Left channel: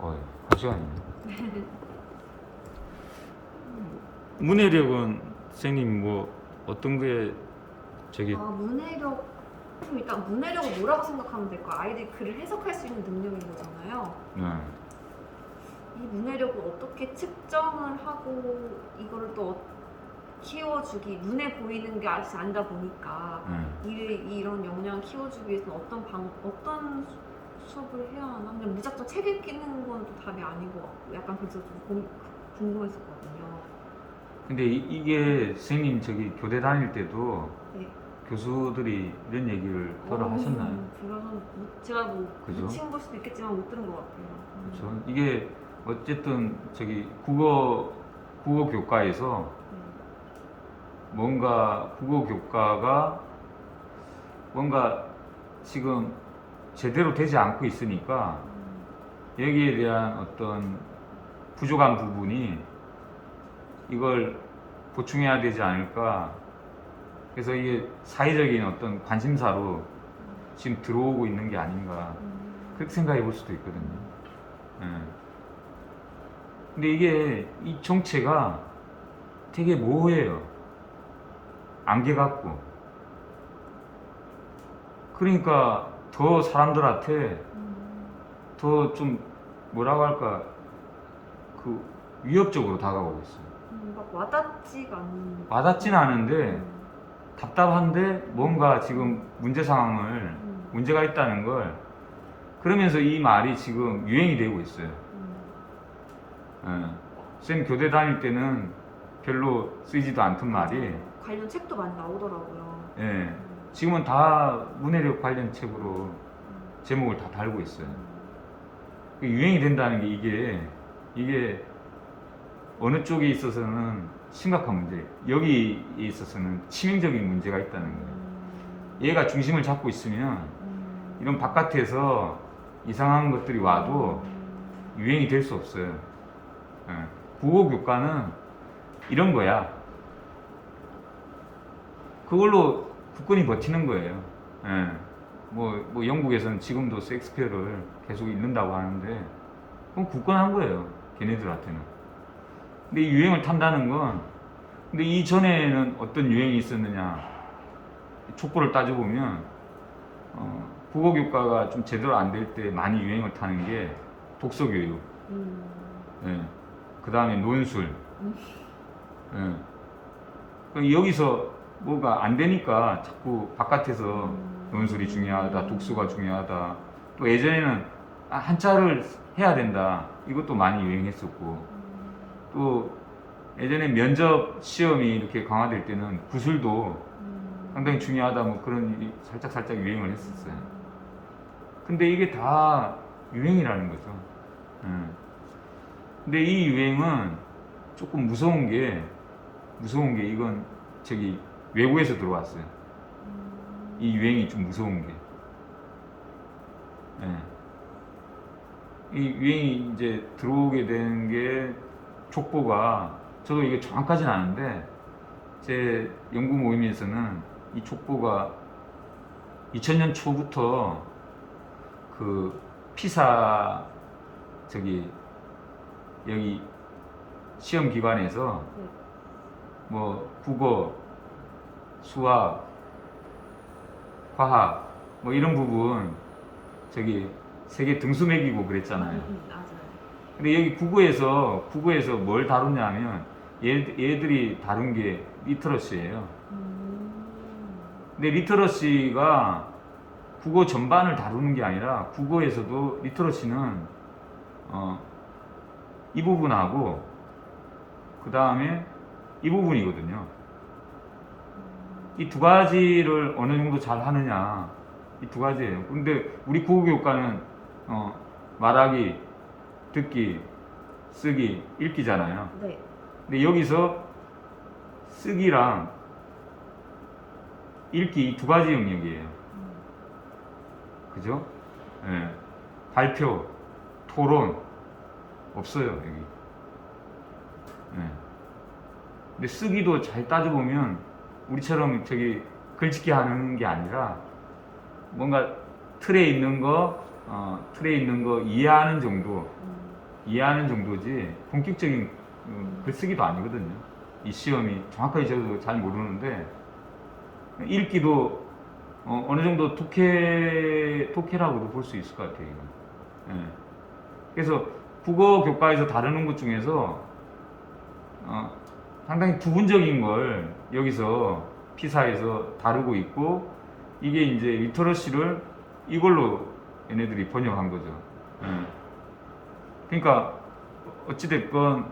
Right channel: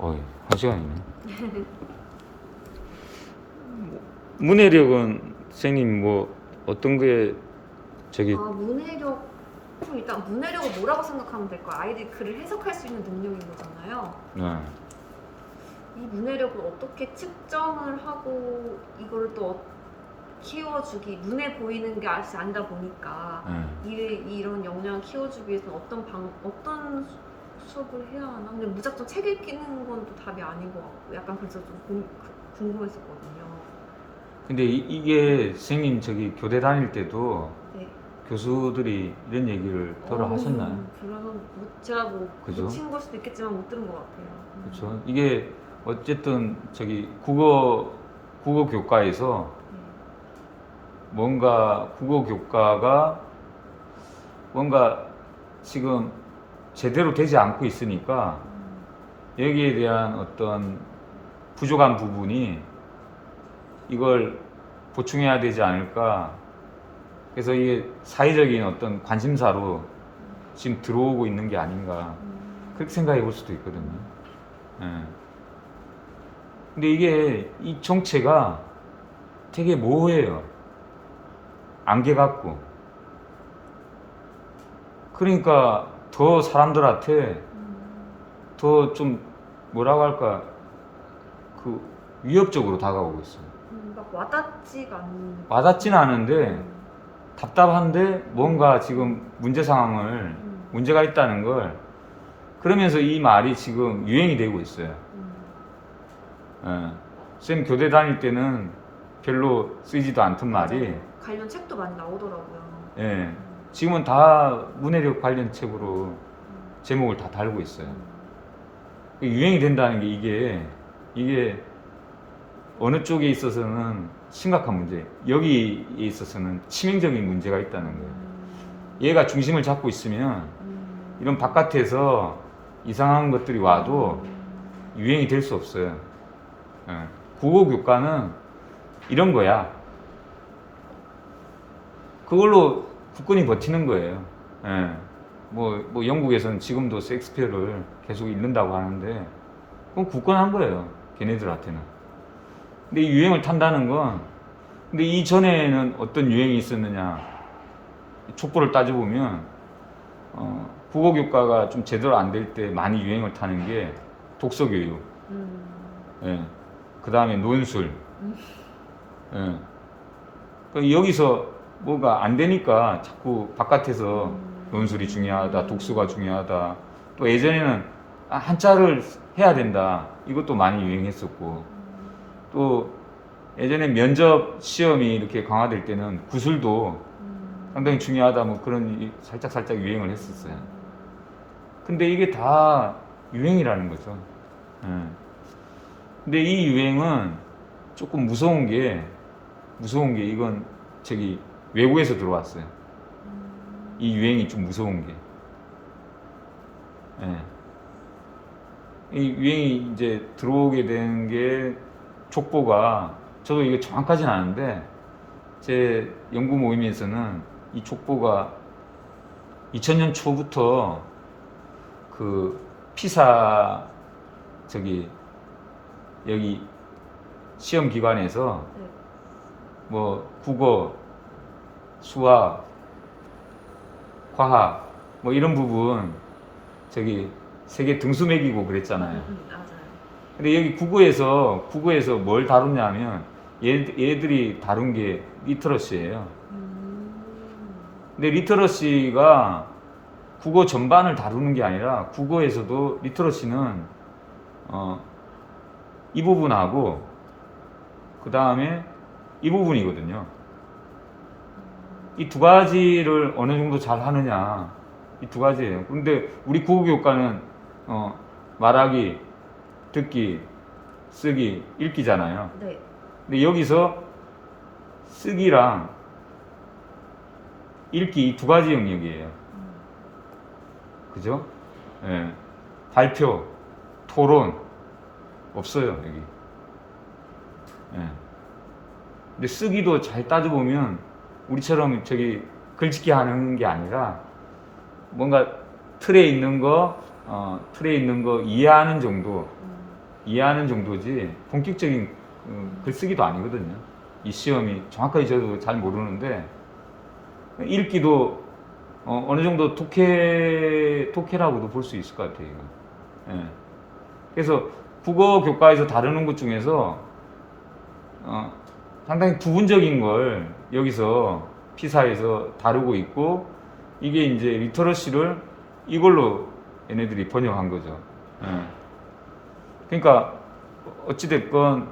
한 시간이네. 문해력은 선생님 뭐 어떤 게 저기 문해력. 그럼 일단 문해력을 뭐라고 생각하면 될까요? 아이들이 글을 해석할 수 있는 능력인 거잖아요. 이 문해력을 어떻게 측정을 하고 이거를 또 키워주기, 눈에 보이는 게 아직 아니다 보니까 이런 역량을 키워주기 위해서는 어떤 수업을 해야 하나? 근데 무작정 책 읽기는 건 또 답이 아닌 것 같고 약간 그래서 좀 궁금했었거든요. 근데 이게 선생님 저기 교대 다닐 때도 네. 교수들이 이런 얘기를 들어 하셨나요? 그래서 제가 그죠? 놓친 걸 수도 있겠지만 못 들은 것 같아요. 그렇죠. 이게 어쨌든 저기 국어 교과에서 뭔가 국어 교과가 뭔가 지금 제대로 되지 않고 있으니까 여기에 대한 어떤 부족한 부분이 이걸 보충해야 되지 않을까. 그래서 이게 사회적인 어떤 관심사로 지금 들어오고 있는 게 아닌가. 그렇게 생각해 볼 수도 있거든요. 예. 근데 이게 이 정체가 되게 모호해요. 안개 같고. 그러니까 더 사람들한테 더 좀 뭐라고 할까 그 위협적으로 다가오고 있어요. 막 와닿지가 않는. 와닿지는 않은데 답답한데 뭔가 지금 문제 상황을 문제가 있다는 걸 그러면서 이 말이 지금 유행이 되고 있어요. 쌤 교대 다닐 때는 별로 쓰이지도 않던 말이 맞아요. 관련 책도 많이 나오더라고요. 예, 지금은 다 문해력 관련 책으로 제목을 다 달고 있어요. 유행이 된다는 게 이게 어느 쪽에 있어서는 심각한 문제, 여기에 있어서는 치명적인 문제가 있다는 거예요. 얘가 중심을 잡고 있으면 이런 바깥에서 이상한 것들이 와도 유행이 될 수 없어요. 예. 국어 교과는 이런 거야. 그걸로 국권이 버티는 거예요. 예. 뭐 영국에서는 지금도 셰익스피어를 계속 읽는다고 하는데 그건 굳건한 거예요. 걔네들한테는. 근데 이 유행을 탄다는 건 근데 이전에는 어떤 유행이 있었느냐 촉구를 따져보면 국어 교과가 좀 제대로 안 될 때 많이 유행을 타는 게 독서 교육, 예. 그 다음에 논술, 예. 여기서 뭐가 안 되니까 자꾸 바깥에서 논술이 중요하다, 독서가 중요하다. 또 예전에는 한자를 해야 된다. 이것도 많이 유행했었고. 또 예전에 면접 시험이 이렇게 강화될 때는 구술도 상당히 중요하다. 뭐 그런 살짝 유행을 했었어요. 근데 이게 다 유행이라는 거죠. 예. 근데 이 유행은 조금 무서운 게 이건 저기 외국에서 들어왔어요. 이 유행이 좀 무서운 게. 예. 이 유행이 이제 들어오게 된 게 족보가 저도 이게 정확하진 않은데 제 연구 모임에서는 이 족보가 2000년 초부터 그 피사 저기 여기 시험 기관에서 뭐 국어, 수학, 과학 뭐 이런 부분 저기 세계 등수 매기고 그랬잖아요. 맞아요. 근데 여기 국어에서 뭘 다루냐면 얘들이 다룬 게 리터러시예요. 근데 리터러시가 국어 전반을 다루는 게 아니라 국어에서도 리터러시는 이 부분하고 그 다음에 이 부분이거든요. 이 두 가지를 어느 정도 잘 하느냐 이 두 가지예요. 근데 우리 국어교과는 말하기, 듣기, 쓰기, 읽기잖아요. 네. 근데 여기서 쓰기랑 읽기 이 두 가지 영역이에요. 그죠? 예. 발표, 토론 없어요 여기. 예. 근데 쓰기도 잘 따져보면 우리처럼 저기 글짓기 하는 게 아니라 뭔가 틀에 있는 거 이해하는 정도. 이해하는 정도지 본격적인 글쓰기도 아니거든요. 이 시험이 정확하게 저도 잘 모르는데 읽기도 어느 정도 독해라고도 볼 수 있을 것 같아요. 이거. 예. 그래서 국어 교과에서 다루는 것 중에서 상당히 부분적인 걸 여기서 피사에서 다루고 있고 이게 이제 리터러시를 이걸로 얘네들이 번역한 거죠. 예. 그러니까 어찌됐건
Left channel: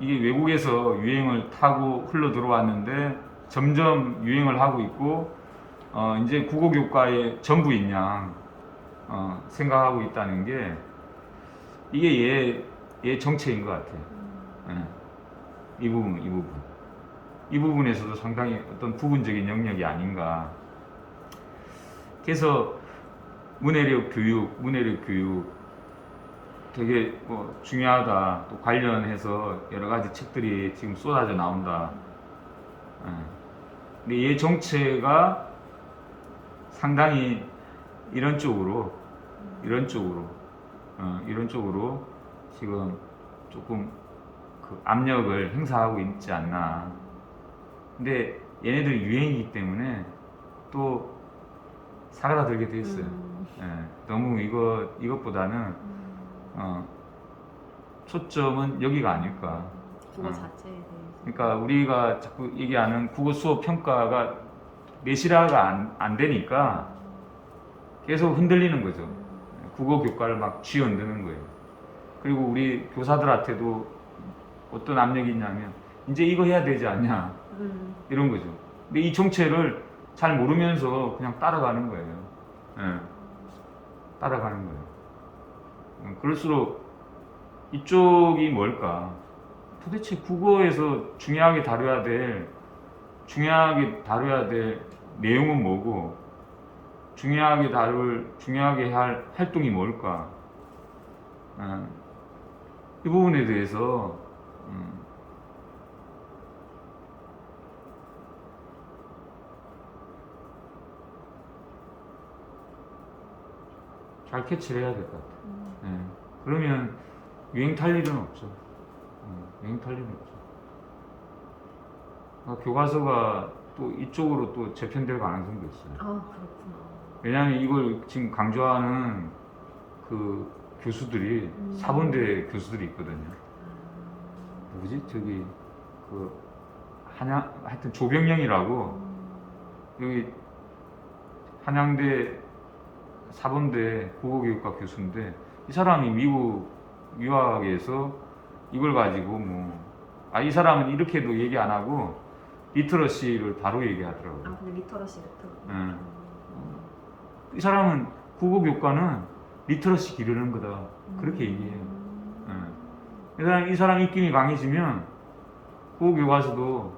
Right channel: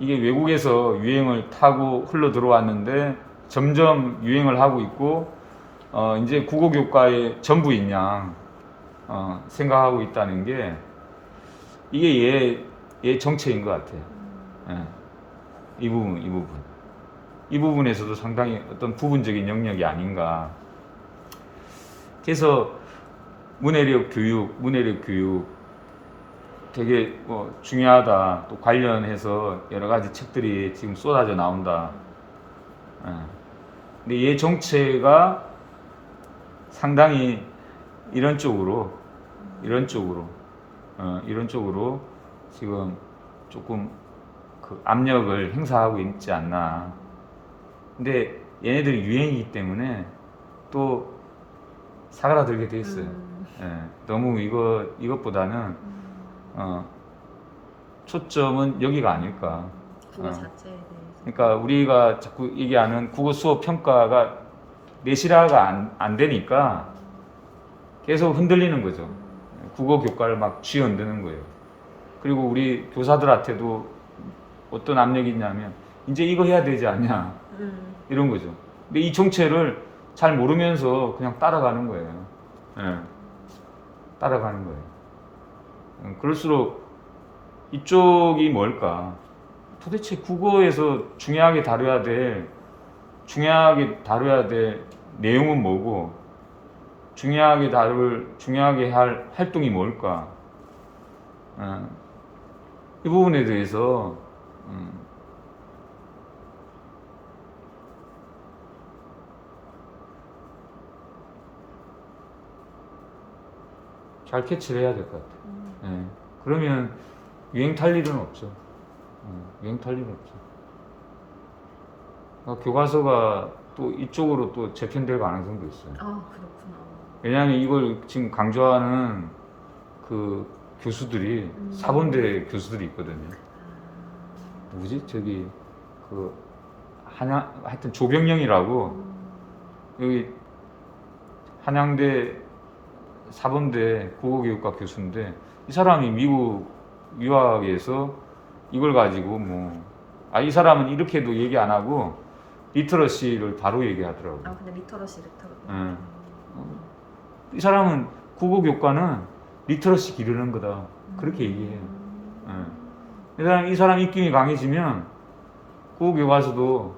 이게 외국에서 유행을 타고 흘러 들어왔는데 점점 유행을 하고 있고 이제 국어 교과의 전부인 양 생각하고 있다는 게 이게 얘 정체인 것 같아요. 예. 이 부분에서도 상당히 어떤 부분적인 영역이 아닌가. 그래서 문해력 교육 되게 중요하다. 또 관련해서 여러 가지 책들이 지금 쏟아져 나온다. 근데 얘 정체가 상당히 이런 쪽으로 지금 조금 그 압력을 행사하고 있지 않나. 근데 얘네들이 유행이기 때문에 또 사그라들게 돼 있어요. 예, 너무 이것보다는 초점은 여기가 아닐까. 국어 자체에 대해서. 그러니까 우리가 자꾸 얘기하는 국어 수업 평가가 내실화가 안 되니까 계속 흔들리는 거죠. 국어 교과를 막 쥐어흔드는 거예요. 그리고 우리 교사들한테도 어떤 압력이 있냐면 이제 이거 해야 되지 않냐 이런 거죠. 근데 이 정체를 잘 모르면서 그냥 따라가는 거예요. 예. 따라가는 거예요. 그럴수록 이쪽이 뭘까? 도대체 국어에서 중요하게 다뤄야 될 내용은 뭐고, 중요하게 할 활동이 뭘까? 이 부분에 대해서 잘 캐치를 해야 될 것 같아요. 예. 그러면 유행 탈 일은 없죠. 유행 탈 일은 없죠. 교과서가 또 이쪽으로 또 재편될 가능성도 있어요. 아, 그렇구나. 왜냐하면 이걸 지금 강조하는 그 교수들이 사범대 교수들이 있거든요. 누구지? 저기 그 하여튼 조병영이라고 여기 한양대 사범대 국어교육과 교수인데 이 사람이 미국 유학에서 이걸 가지고 이 사람은 이렇게도 얘기 안 하고 리터러시를 바로 얘기하더라고요. 아, 근데 리터러시. 이 사람은 국어교과는 리터러시 기르는 거다. 그렇게 얘기해요. 이 사람 입김이 강해지면 국어교과서도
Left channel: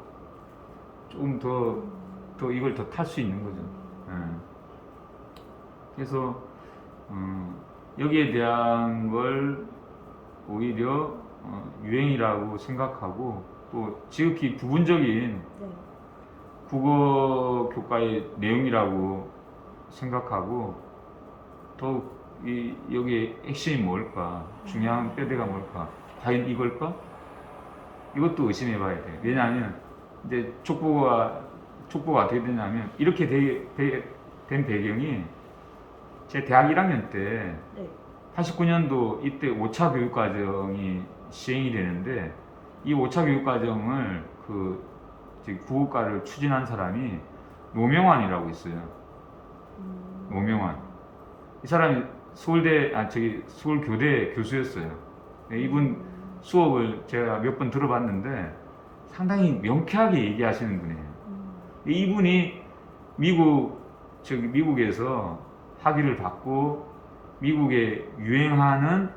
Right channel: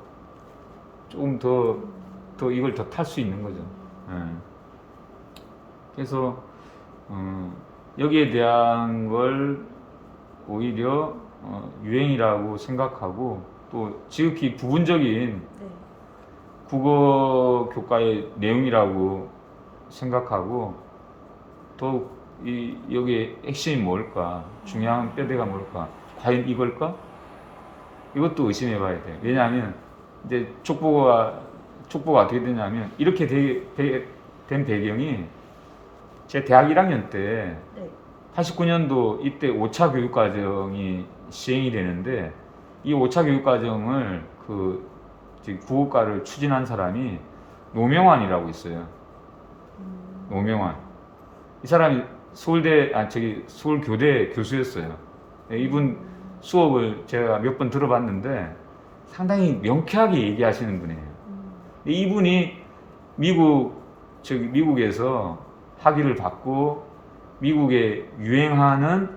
조금 더 이걸 더 탈 수 있는 거죠. 그래서 여기에 대한 걸 오히려 유행이라고 생각하고 또 지극히 부분적인 국어 교과의 내용이라고 생각하고 또 여기에 핵심이 뭘까, 중요한 뼈대가 뭘까, 과연 이걸까? 이것도 의심해 봐야 돼요. 왜냐하면 이제 족보가 어떻게 되냐면 이렇게 된 배경이 제 대학 1학년 때 89년도 이때 5차 교육과정이 시행이 되는데 이 5차 교육과정을 국어과를 추진한 사람이 노명환이라고 있어요. 노명환. 이 사람이 서울교대 교수였어요. 이분 수업을 제가 몇 번 들어봤는데 상당히 명쾌하게 얘기하시는 분이에요. 이분이 미국에서 학위를 받고 미국에 유행하는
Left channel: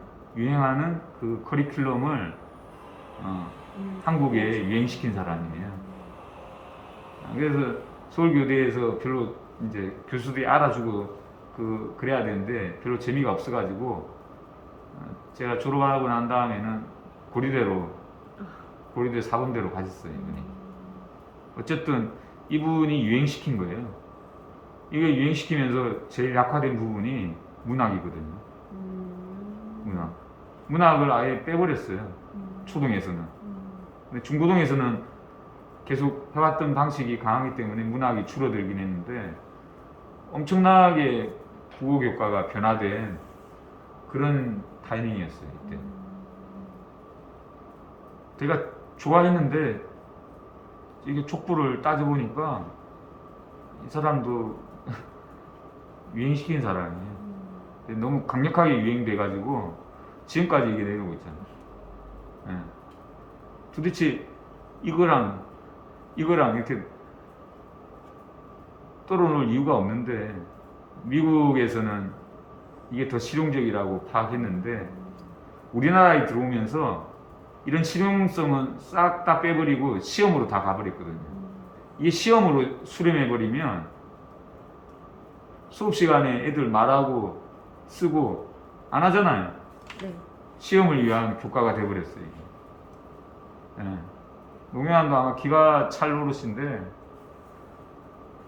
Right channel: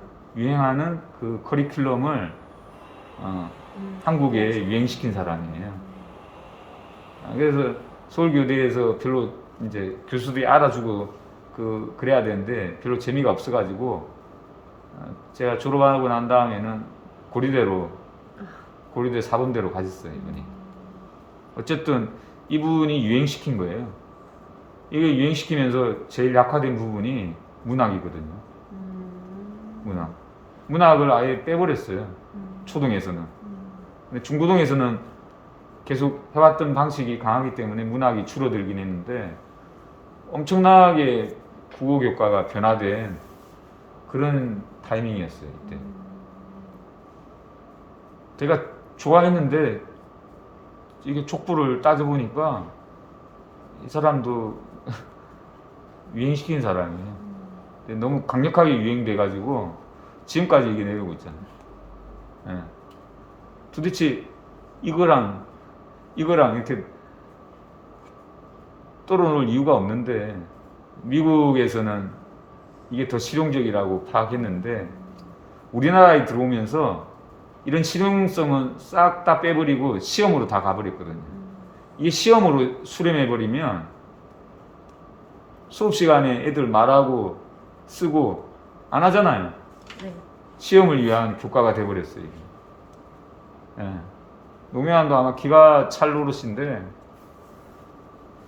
그 커리큘럼을 한국에 유행시킨 사람이에요. 그래서 서울교대에서 별로 이제 교수들이 알아주고 그래야 되는데 별로 재미가 없어가지고 제가 졸업하고 난 다음에는 고려대 사범대로 가셨어요. 이분이. 어쨌든 이분이 유행시킨 거예요. 이게 유행시키면서 제일 약화된 부분이 문학이거든요. 문학. 문학을 아예 빼버렸어요. 음. 초등에서는. 음. 근데 중고등에서는 계속 해왔던 방식이 강하기 때문에 문학이 줄어들긴 했는데 엄청나게 국어 교과가 변화된 그런 타이밍이었어요. 이때. 제가 좋아했는데 이게 족보를 따져보니까 이 사람도 유행시킨 사람이에요. 근데 너무 강력하게 유행돼가지고 지금까지 이게 내려오고 있잖아요. 예. 도대체 이거랑 이렇게 떨어놓을 이유가 없는데 미국에서는 이게 더 실용적이라고 파악했는데 우리나라에 들어오면서 이런 실용성은 싹 다 빼버리고 시험으로 다 가버렸거든요. 이게 시험으로 수렴해버리면 수업 시간에 애들 말하고 쓰고 안 하잖아요. 네. 시험을 위한 교과가 돼버렸어요. 이게. 예. 노무현도 아마 기가 찰 노릇인데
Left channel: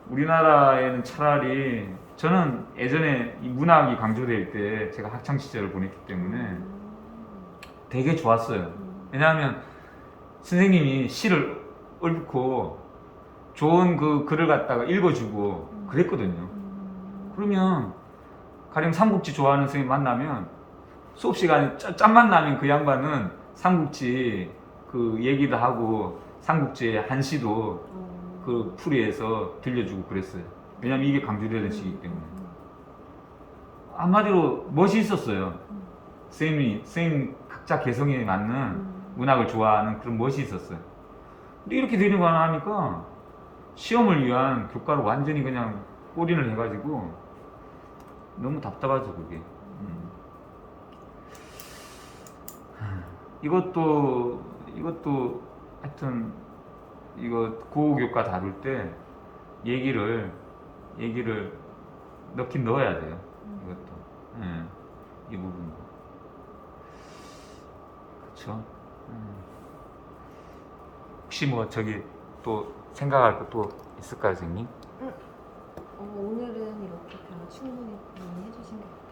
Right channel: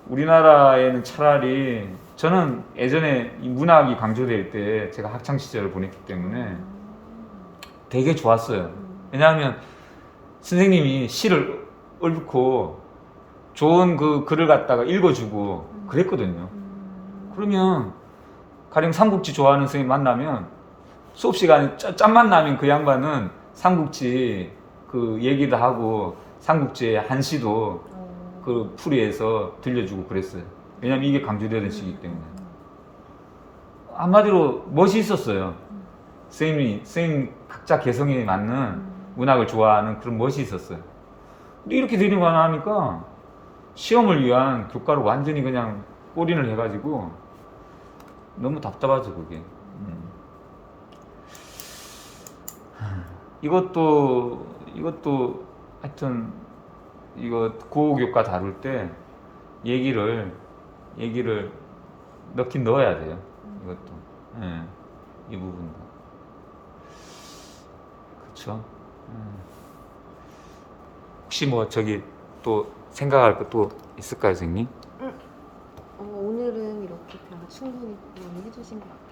우리나라에는 차라리 저는 예전에 이 문학이 강조될 때 제가 학창 시절을 보냈기 때문에 되게 좋았어요. 왜냐하면 선생님이 시를 읊고 좋은 그 글을 갖다가 읽어주고 그랬거든요. 그러면 가령 삼국지 좋아하는 선생님 만나면 수업 시간에 짬만 나면 그 양반은 삼국지 그 얘기도 하고 삼국지의 한시도 그 풀이해서 들려주고 그랬어요. 왜냐면 이게 강조되는 시기 때문에. 한마디로 멋이 있었어요. 선생님 각자 개성에 맞는 문학을 좋아하는 그런 멋이 있었어요. 근데 이렇게 되는 거 하니까 시험을 위한 교과를 완전히 그냥 올인을 해가지고 너무 답답하죠 그게. 이것도 하여튼 이거 고교과 다룰 때 얘기를 넣긴 넣어야 돼요. 이것도. 예, 이 부분도. 그렇죠. 혹시 뭐 저기 또 생각할 것도 있을까요, 선생님? 오늘은 이렇게 다 충분히 많이 해주신 것 같아요.